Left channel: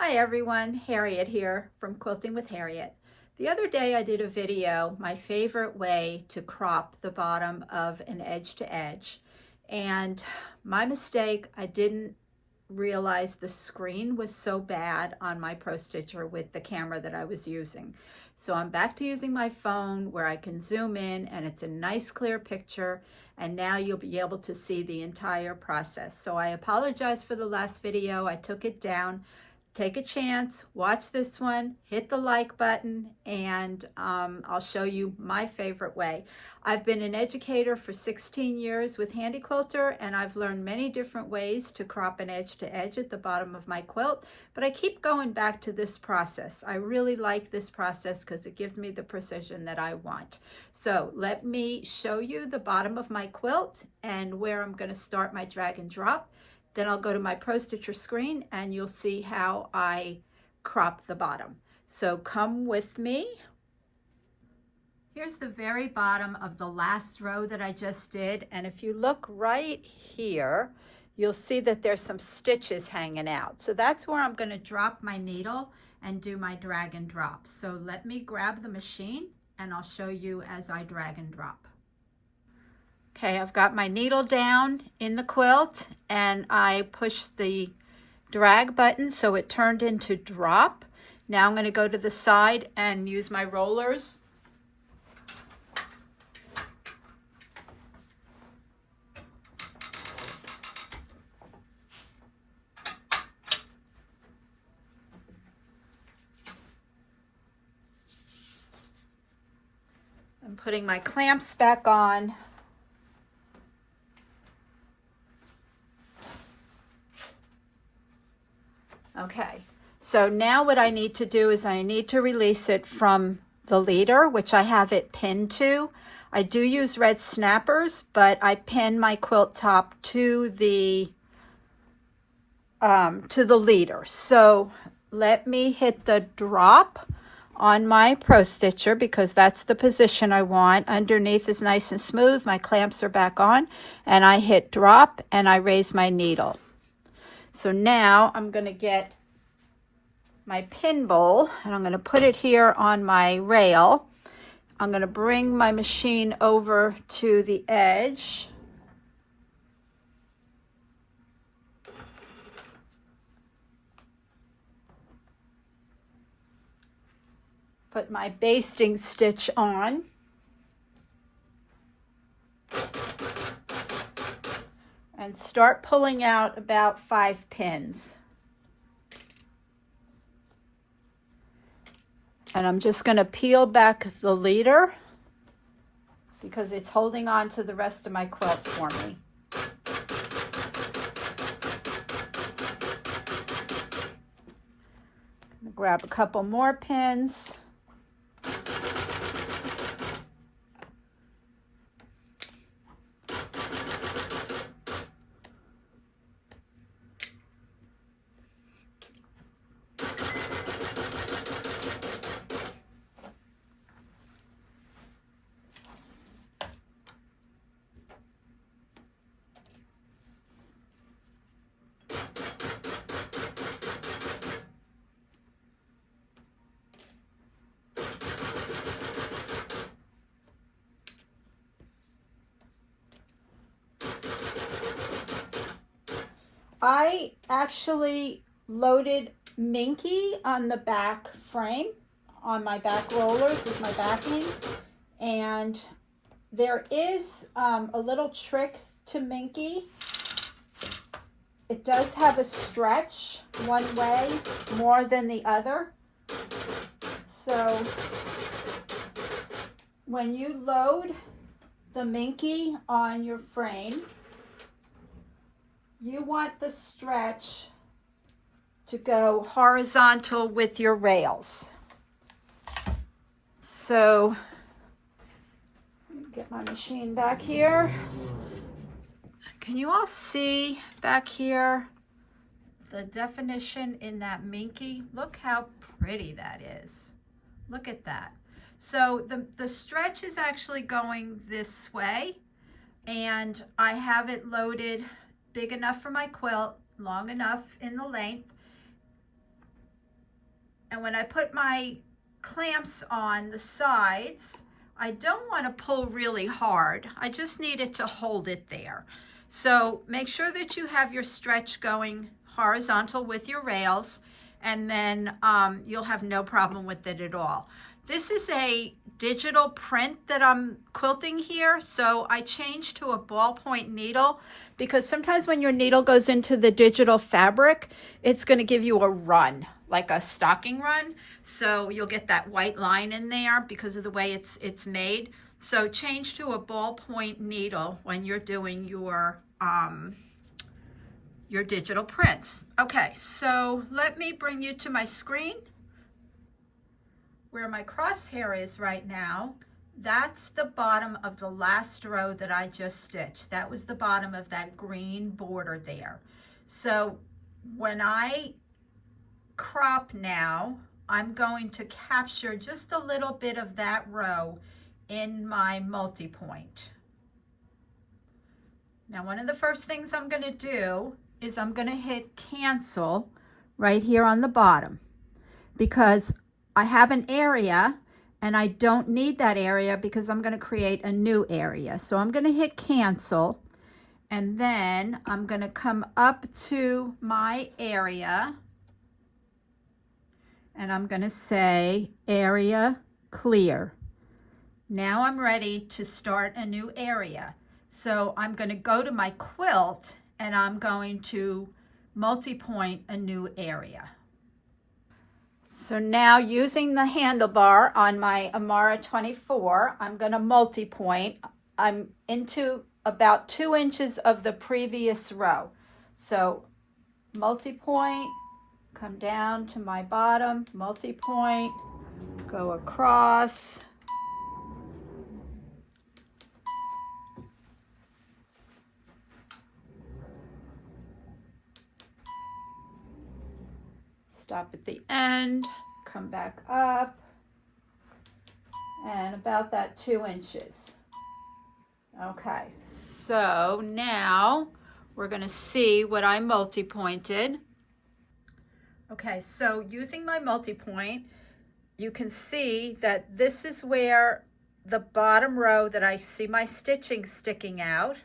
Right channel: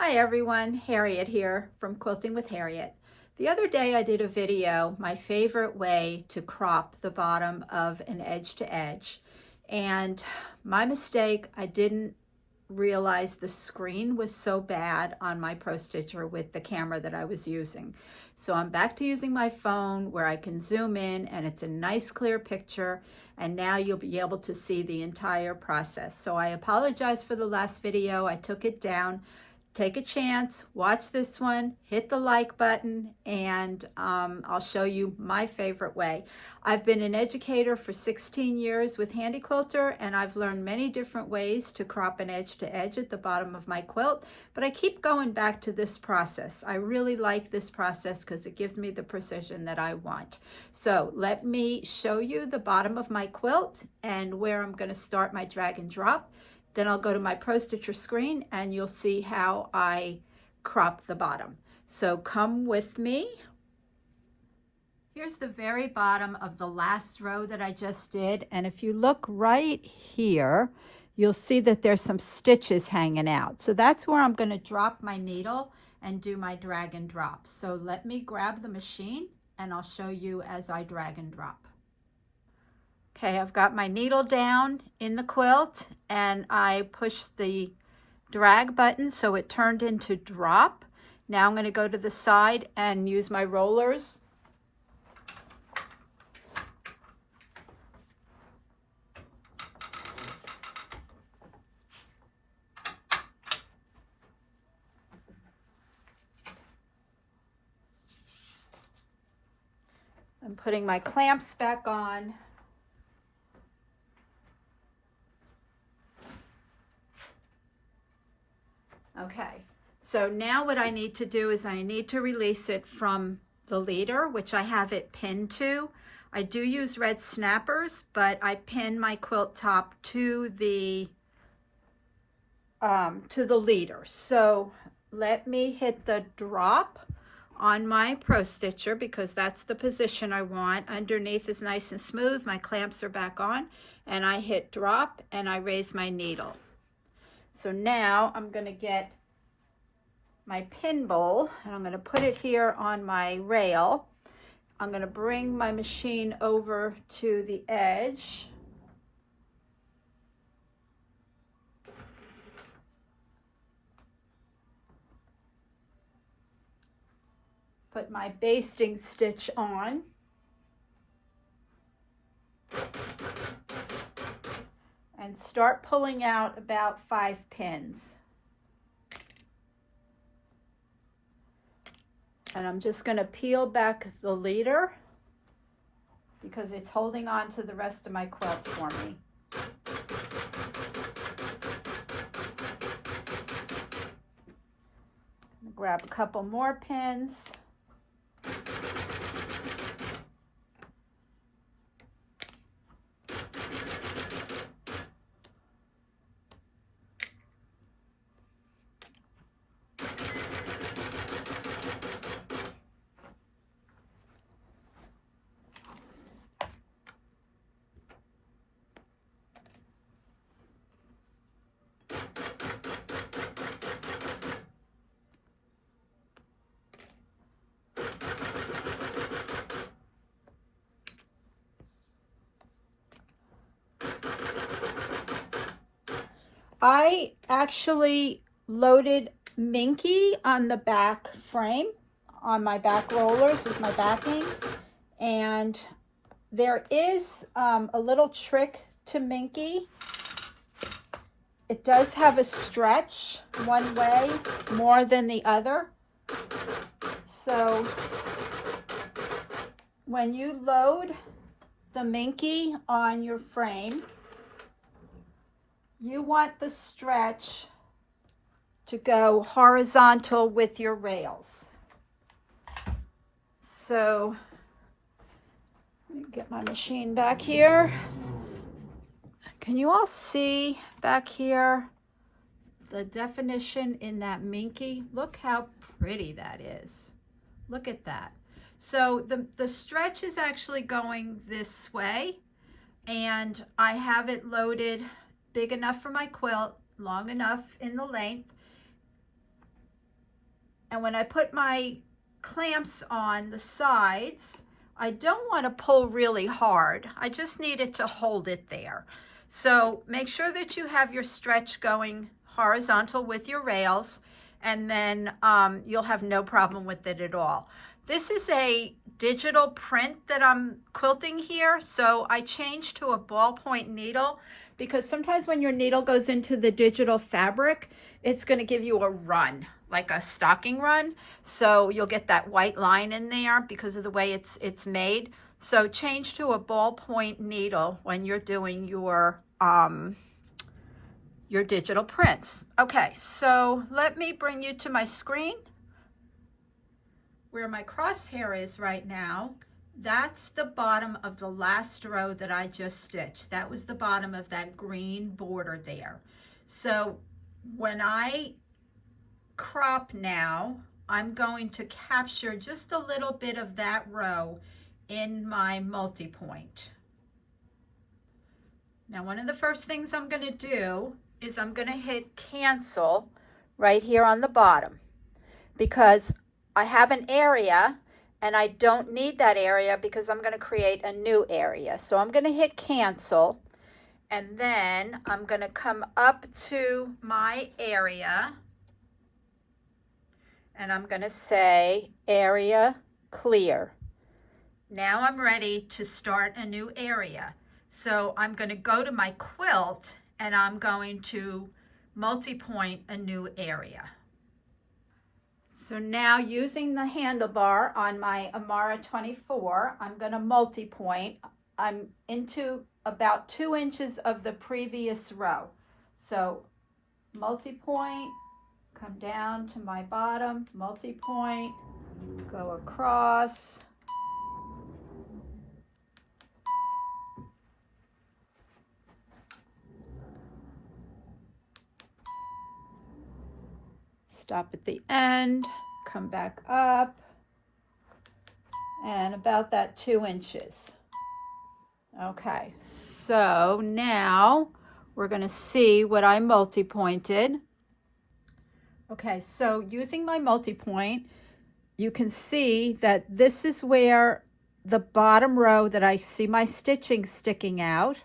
Hi everyone, Harriet here from Quilting with Harriet. The other day I did a video, my favorite way to crop the bottom of an edge to edge. And my mistake, I didn't realize the screen was so bad on my Pro Stitcher with the camera that I was using. So I'm back to using my phone where I can zoom in and it's a nice clear picture, and now you'll be able to see the entire process. So I apologize for the last video. I took it down. Take a chance, watch this one, hit the like button, and I'll show you my favorite way. I've been an educator for 16 years with Handy Quilter, and I've learned many different ways to crop an edge to edge at the bottom of my quilt, but I keep going back to this process. I really like this process because it gives me the precision that I want. So let me show you the bottom of my quilt and where I'm going to start my drag and drop. Then I'll go to my Pro Stitcher screen and you'll see how I crop the bottom. So come with me. Here's the very bottom of the last row that I just did. And if you look right here, you'll see that there's some stitches hanging out. So that's where I'm going to drop my needle and do my drag and drop. So let me grab the machine and I'll show you as I drag and drop. Okay, I've got my needle down in the quilt and I pushed the drag button so it turned into drop. Now I'm going to go to the side and use my rollers. I'm putting my clamps back on. Okay, so now what I need to do is I need to release it from the leader, which I have it pinned to. I do use red snappers, but I pin my quilt top to the leader. So let me hit the drop on my Pro Stitcher because that's the position I want. Underneath is nice and smooth. My clamps are back on, and I hit drop and I raise my needle. So now I'm going to get my pin bowl and I'm going to put it here on my rail. I'm going to bring my machine over to the edge. Put my basting stitch on. And start pulling out about 5 pins. And I'm just going to peel back the leader because it's holding on to the rest of my quilt for me. Grab a couple more pins. I actually loaded Minky on the back frame, on my back rollers is my backing, and there is a little trick to Minky. It does have a stretch one way more than the other. So when you load the Minky on your frame, you want the stretch to go horizontal with your rails. So let me get my machine back here. Can you all see back here the definition in that Minky? Look how pretty that is. Look at that. So the stretch is actually going this way, and I have it loaded big enough for my quilt, long enough in the length. And when I put my clamps on the sides, I don't want to pull really hard. I just need it to hold it there. So make sure that you have your stretch going horizontal with your rails, and then you'll have no problem with it at all. This is a digital print that I'm quilting here, so I changed to a ballpoint needle because sometimes when your needle goes into the digital fabric, it's going to give you a run, like a stocking run. So you'll get that white line in there because of the way it's made. So change to a ballpoint needle when you're doing your digital prints. Okay, so let me bring you to my screen. Where my crosshair is right now, that's the bottom of the last row that I just stitched. That was the bottom of that green border there. So when I crop now, I'm going to capture just a little bit of that row in my multi-point. Now, one of the first things I'm going to do is I'm going to hit cancel right here on the bottom because I have an area and I don't need that area because I'm going to create a new area. So I'm going to hit cancel, and then I'm going to come up to my area and I'm going to say area clear. Now I'm ready to start a new area. So I'm going to go to my quilt and I'm going to multi-point a new area. So now using the handlebar on my Amara 24, I'm going to multi-point. I'm into about 2 inches of the previous row. So multi-point, come down to my bottom, multi-point, go across. Stop at the end, come back up, and about that 2 inches. Okay, so now we're going to see what I multi-pointed. Okay, so using my multi-point, you can see that this is where the bottom row that I see my stitching sticking out,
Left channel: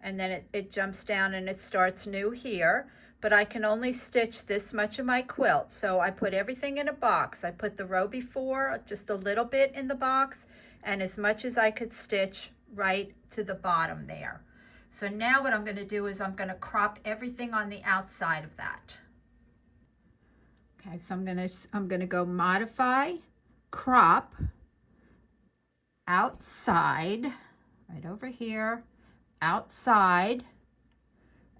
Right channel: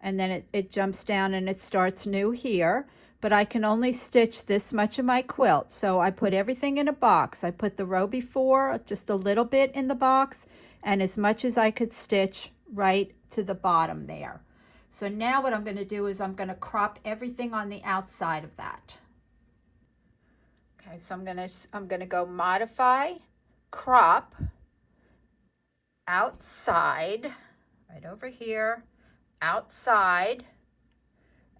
and then it jumps down and it starts new here. But I can only stitch this much of my quilt. So I put everything in a box. I put the row before, just a little bit in the box, and as much as I could stitch right to the bottom there. So now what I'm going to do is I'm going to crop everything on the outside of that. Okay, so I'm going to go modify, crop, outside, right over here, outside.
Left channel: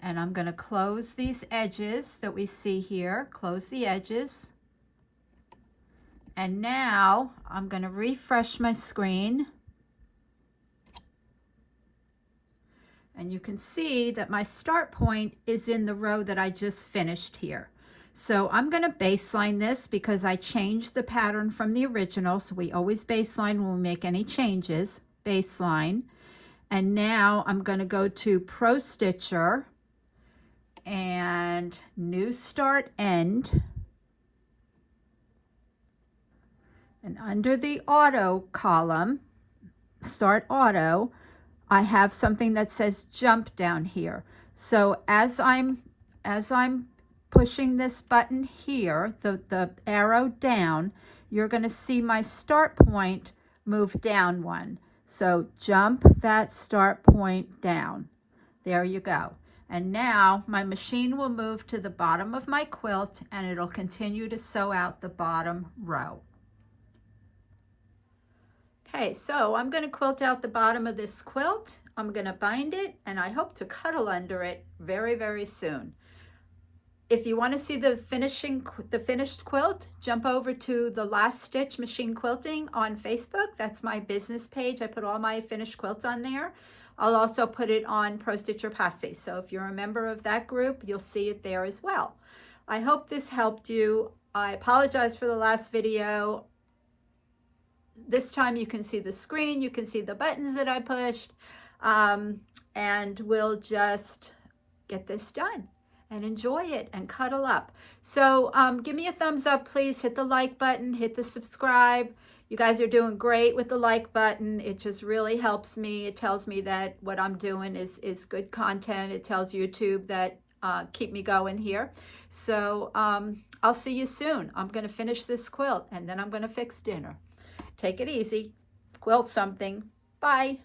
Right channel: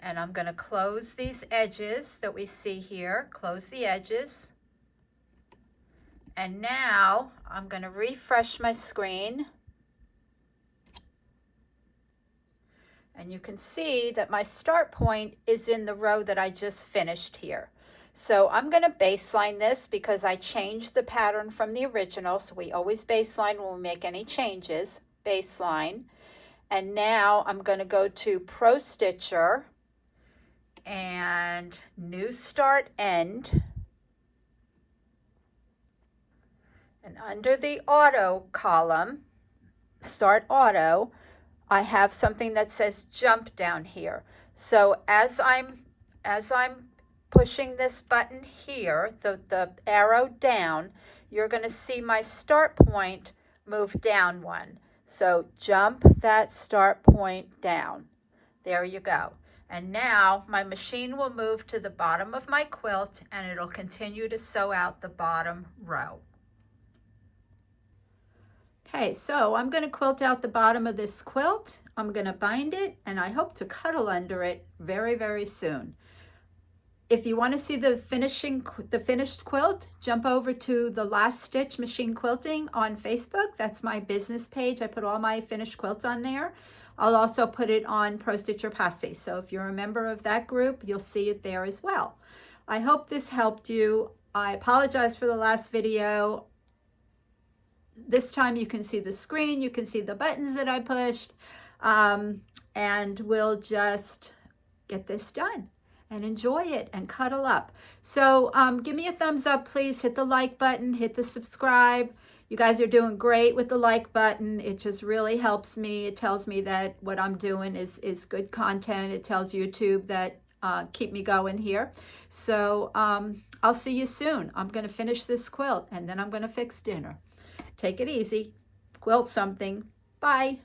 And I'm going to close these edges that we see here, close the edges. And now I'm going to refresh my screen. And you can see that my start point is in the row that I just finished here. So I'm going to baseline this because I changed the pattern from the original. So we always baseline when we make any changes, baseline. And now I'm going to go to Pro Stitcher and new start end, and under the auto column, start auto, I have something that says jump down here. So as I'm pushing this button here, the arrow down, you're going to see my start point move down one. So jump that start point down. There you go. And now my machine will move to the bottom of my quilt and it'll continue to sew out the bottom row. Okay, so I'm going to quilt out the bottom of this quilt. I'm going to bind it and I hope to cuddle under it very, very soon. If you want to see the finished quilt, jump over to the Last Stitch Machine Quilting on Facebook. That's my business page. I put all my finished quilts on there. I'll also put it on Pro Stitcher Posse. So if you're a member of that group, you'll see it there as well. I hope this helped you. I apologize for the last video. This time you can see the screen, you can see the buttons that I pushed, and we'll just get this done. and enjoy it and cuddle up. So give me a thumbs up, please. Hit the like button, hit the subscribe. You guys are doing great with the like button. It just really helps me. It tells me that what I'm doing is good content. It tells YouTube that keep me going here. So I'll see you soon. I'm going to finish this quilt and then I'm going to fix dinner. Take it easy. Quilt something. Bye.